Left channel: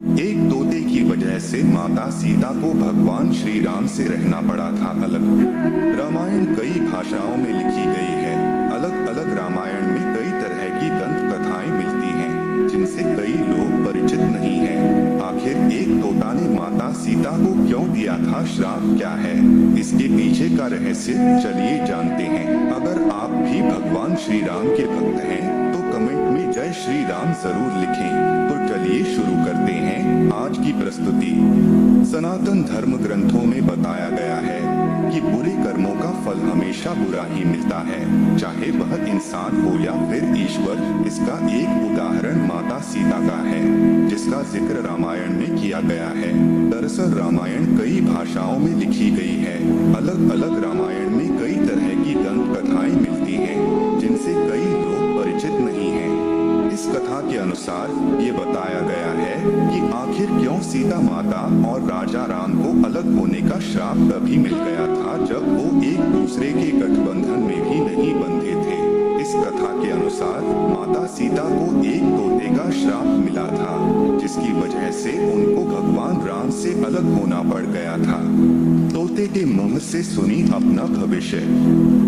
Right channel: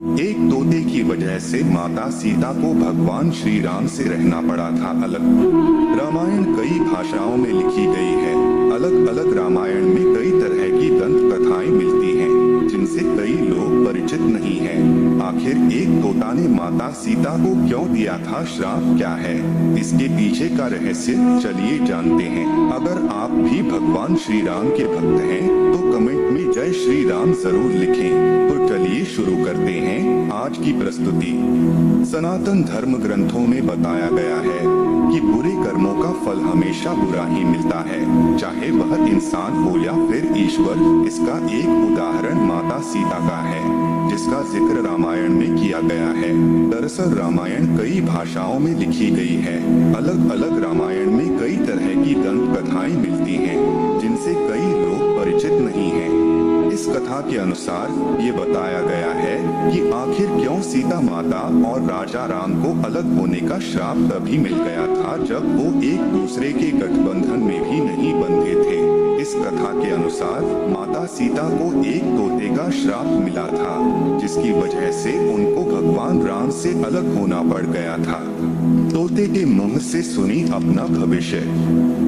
एक तोते की वजह से माता सीता को भगवान श्री राम से रहना पड़ा था अलग। रामायण कई भाषाओं में लिखी गई है। अलग अलग रामायण में कई तरह की दंत कथाएं मिलती हैं, जिनसे कई लोग परिचित नहीं हैं। आखिर एक तोता ने माता सीता को क्यों दिया था श्राप, क्या है इसके पीछे का रहस्य, चलिए जानते हैं। अगर आप भी भगवान श्री राम के भक्त हैं, तो कमेंट में जय श्री राम जरूर लिखें। तो चलिए शुरू करते हैं आज की प्रस्तुति। सनातन धर्म ग्रंथों में बताया गया है कि बुरे कर्मों का फल हमेशा बुरा ही मिलता है, चाहे वह इंसान हो या फिर ईश्वर। इसका एक उदाहरण माता सीता का है, जिसका जिक्र रामायण में किया गया है। दरअसल रामायण कई भाषाओं में लिखी गई है। अलग अलग रामायण में कई तरह की दंत कथाएं मिलती हैं, जिनसे कई लोग परिचित नहीं हैं। इस कथा के अनुसार ये बताया गया है कि आखिर क्यों सीता माता और राजा राम को अलग होने का श्राप तभी मिल गया था जब वो एक दूसरे के गठबंधन में भी नहीं बंधे थे। इस कथा के अनुसार माता सीता को एक तोते का श्राप मिला था, जिसकी वजह से उनको भगवान राम से अलग होना पड़ गया था। तोते के मुंह से सुनी अपना भविष्य।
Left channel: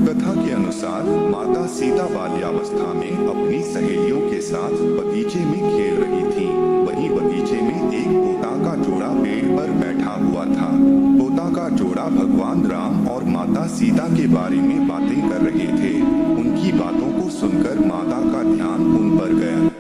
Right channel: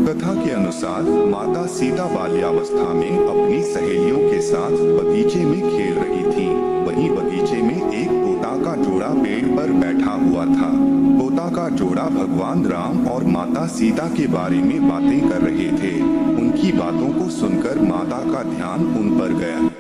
कथा के अनुसार माता सीता बाल्यावस्था में अपनी सहेलियों के साथ बगीचे में खेल रही थी। वहीं बगीचे में एक तोता का जोड़ा पेड़ पर बैठा हुआ था। तोता का जोड़ा भगवान राम और माता सीता के बारे में बातें कर रहे थे। उनकी बातों को सुनकर माता का ध्यान उन पर गया।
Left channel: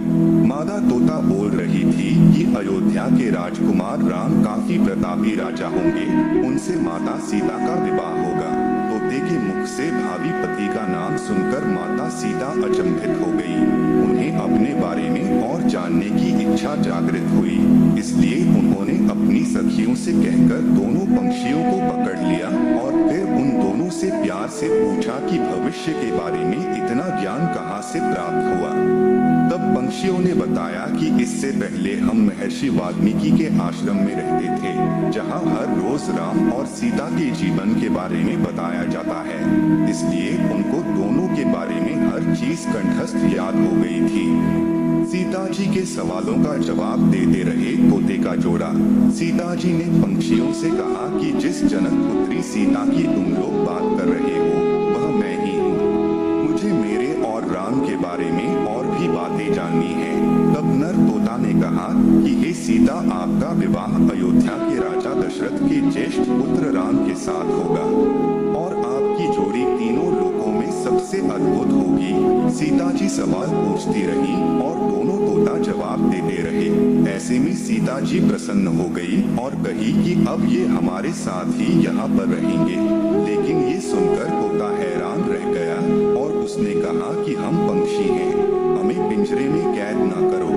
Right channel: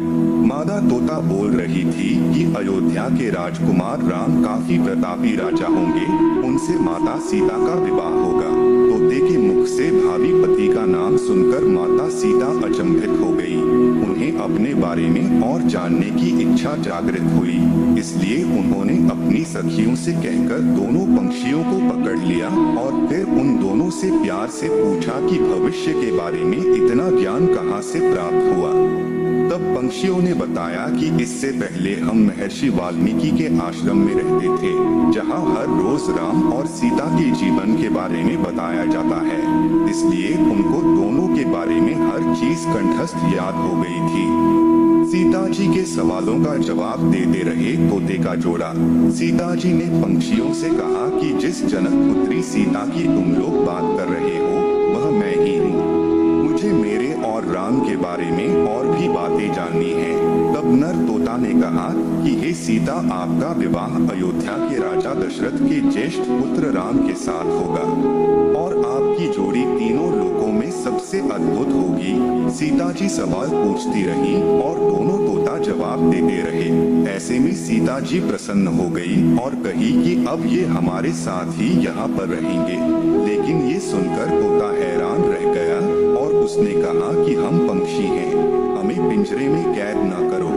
मादा तोता बोल रही थी कि अयोध्या के राजकुमार राम काफी प्रतापी राजा होंगे, उनसे माता सीता का विवाह होगा। तोते के मुख से भावी पति का नाम सुनकर माता सीता अचंभित हो गई। उन्हें अपने बारे में और जानने की इच्छा जागृत हुई, इसलिए उन्होंने अपनी सखियों से कहकर दोनों पंछियों को पकड़ लिया और फिर उन दोनों से प्यार से पूछा कि भविष्य के बारे में इतना ज्ञान कहाँ से प्राप्त हुआ। तब पंछियों ने बताया कि इससे पहले हम महर्षि वाल्मीकि के आश्रम में रहते थे, जहाँ हर रोज राम और सीता के जीवन के बारे में बताया जाता है, इसलिए उनको दोनों के बारे में हर चीज कंठस्थ याद हो गई थी। सीता जी के सवालों का जवाब देते रहे तोते का जोड़ा। सीता जी ने पंछियों से कहा कि जिस जनक पुत्री सीता की तुम लोग बात कर रहे हो, वह मैं ही हूँ। मुझे मेरे और राम के बारे में और भी बातें जाननी है। तब नर तोता ने कहा कि हे सीता, आपका विवाह अयोध्या के राजा दशरथ के ज्येष्ठ पुत्र राम के साथ होगा और आपकी जोड़ी तीनों लोकों में सबसे अद्भुत होगी। सीता जी सवाल पूछती रही और दोनों तोता जवाब देते रहे। ऐसे में सीता जी प्रसन्न हो गई और कही कि अब ये हमारे साथ ही यहाँ पर रहेंगे। लेकिन ये सुनकर तोता हैरान रह गया और उसने कहा कि हम पंछी हैं, हमें पिंजरे में कैद न करो।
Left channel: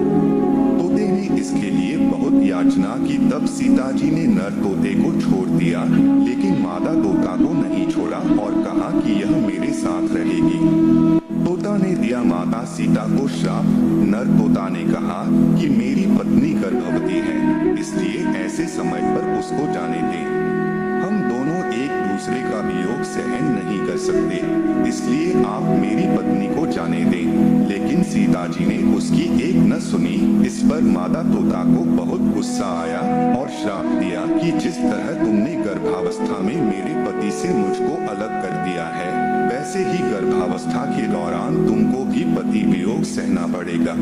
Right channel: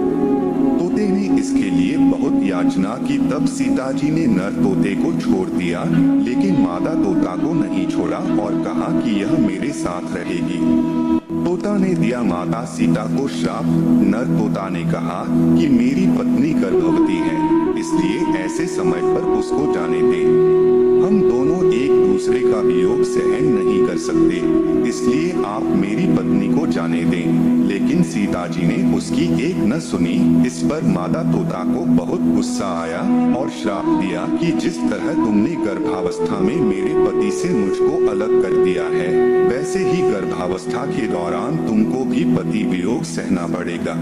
तोते ने इसके लिए बहुत याचना की। तब सीता जी ने नर तोते को छोड़ दिया, लेकिन मादा तोता को नहीं छोड़ा और कहा कि यह मेरे साथ रहेगी। तोता ने दिया माता सीता को श्राप। नर तोता ने कहा कि मेरी पत्नी गर्भवती है, इसलिए ऐसे समय पर उसको जाने दें। हम दोनों एक दूसरे का वियोग सहन नहीं कर सकते, इसलिए आप मेरी पत्नी को जाने दें। लेकिन सीता जी ने उसकी एक न सुनी। इस पर मादा तोता को बहुत गुस्सा आया और श्राप दिया कि जिस तरह तुमने गर्भावस्था में मेरे पति से मुझको अलग कर दिया है, वैसे ही गर्भावस्था के दौरान तुमको भी पति वियोग सहना पड़ेगा।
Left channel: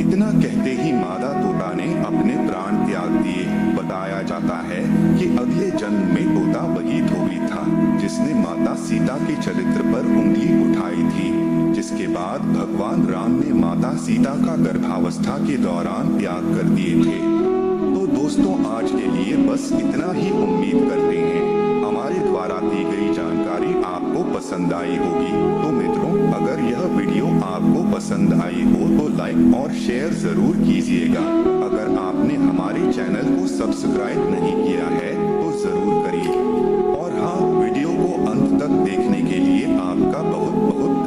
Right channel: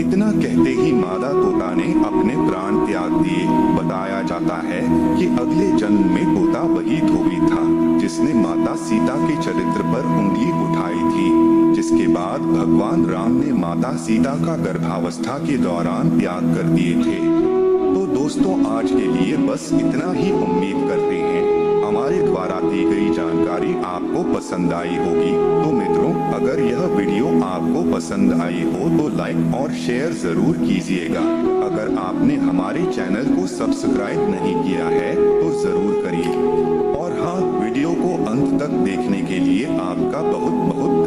इतना कहते ही मादा तोता ने अपने प्राण त्याग दिए। बताया जाता है कि अगले जन्म में तोता वही धोबी था जिसने माता सीता के चरित्र पर उंगली उठाई थी, जिसके बाद भगवान राम ने माता सीता का गर्भावस्था के दौरान त्याग कर दिए थे। तो दोस्तों, आज के लिए बस इतना ही। उम्मीद करते हैं हमारे द्वारा दी गई जानकारी आपको पसंद आई होगी। तो मित्रों, अगर यह वीडियो आपको पसंद आई हो तो लाइक और शेयर जरूर कीजिएगा। अगर आपने हमारे चैनल को सब्सक्राइब नहीं किया है तो जरूर करिए। और हाँ, वीडियो को अंत तक देखने के लिए आपका बहुत बहुत